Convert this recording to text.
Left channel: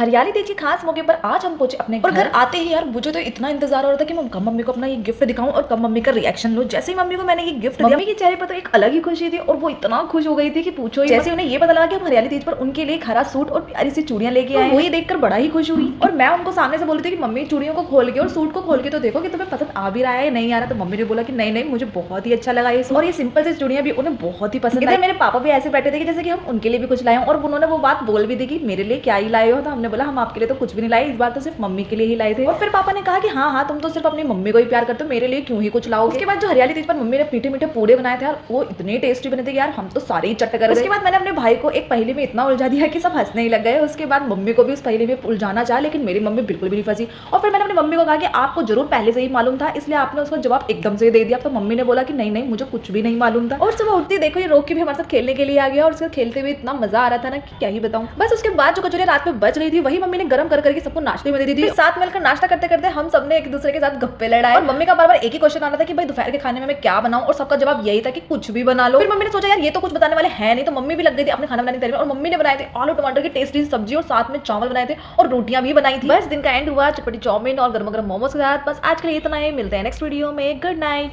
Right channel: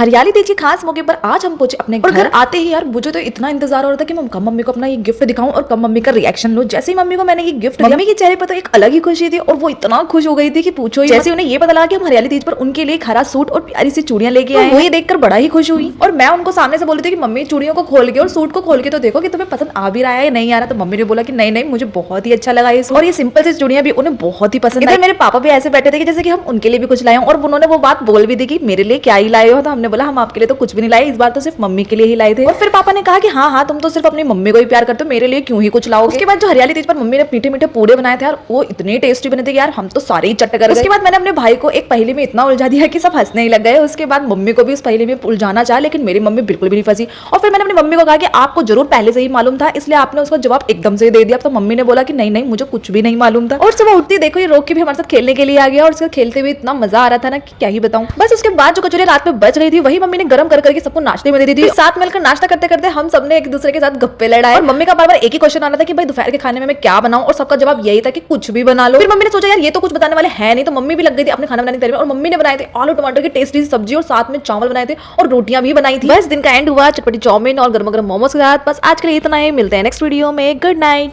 हरियाली तीज के खास मौके पर आज हम पहुंचे अपने घर। आते ही यार मुझे तो इतना इंतजार हो रहा था कि मैं कब मम्मी को अपना ये गिफ्ट दिखाऊं और कब मम्मी का रिएक्शन लूं। जैसे ही मम्मी को मैंने ये गिफ्ट दिया, मम्मी के चेहरे पर तो एक अलग ही खुशी थी और वो इतना खुश हो गई थी कि पूछो ही। जैसे उन्हें ये पता लगा कि हम हरियाली तीज पर उनके लिए एक हरा सूट और प्यारी सी चूड़ियां लेके आए, वो ये देखकर बड़ा ही खुश हुई। और मैं उनको सामने से बोल रही थी कि मम्मी चूड़ियों को खोल के और सूट को खोल के तो देखो कि तुम्हें पसंद आ भी रहा है या नहीं आ रहा। तो मम्मी ने बोला कि नहीं नहीं मुझे बहुत ही अच्छा लगा ये, और ये सिंपल सी चूड़ियां भी उन्हें बहुत ही पसंद आई। मेरे पापा भी ऐसे बैठे थे कि जैसे कि हम उनके लिए भी कुछ लाए, और उन्होंने वो बात बोल भी दी कि मेरे लिए क्या ही लाए हो। तो हमने बोला हम आपके लिए तो कुछ भी नहीं लाए, इस बार तो सिर्फ मम्मी के लिए ही लाए थे। और फिर पापा ने कहा कि हाँ तुम तो सिर्फ अपनी मम्मी को ही प्यार करते हो, मेरे लिए क्यों ही कुछ लाओ। उसके बाद जो हरियाली तीज पर मम्मी ने मीठे मीठे पूड़े बनाए थे यार, वो इतने टेस्टी बने थे यार, हम तो सारे ही चट कर गए। उसके बाद मैंने अपने भाई को एक पहेली में इतना उलझा दिया कि सब हंसने ही लग गए। उसके बाद मम्मी को भी उस पहेली में उलझाना चाहा, लेकिन मेरी मम्मी बिल्कुल भी नहीं फंसी। और फिर मैंने अपनी मम्मी को कहा कि आपको जरूर पहले से ही मालूम था, इसलिए आपने उसका जवाब एकदम से दे दिया। तो मम्मी ने बोला कि नहीं नहीं मुझे कुछ भी नहीं मालूम था। और सुबह उठती देखो ये रोकी भी हमारे साथ खेलने के लिए आ गया, और उसके खेलते हुए इतना मजा आ रहा था ना कि क्या ही बताऊं। बस उसके बाद जो कचौरी रात में बच गई थी वही मम्मी ने गर्म कर करके सबको नाश्ते में दे दी थी। साथ मिलकर नाश्ता करते करते हम सबने एक दूसरे के साथ गप्पे लड़ाए, और मम्मी का बार बार एक ही क्वेश्चन आना था कि भाई दोपहर के खाने में मैं क्या बनाऊं, और सबका जवाब यही था कि कुछ भी बना लो। फिर मम्मी ने सोचा यार ये तो कुछ बताने वाले हैं नहीं, तो मम्मी भी लग गई थी अपने खाना बनाने की तैयारी में, और मम्मी ने बनाए थे आलू टमाटर की टेस्टी सब्जी और साथ में चावल बनाए थे और रोटियां भी बनाई थी। बस दिन का एंड हुआ चटपटी चाउमीन और गर्मा गर्म मोमोज के साथ। बस आज के लिए इतना ही, मिलते हैं नेक्स्ट वीडियो में। Good night.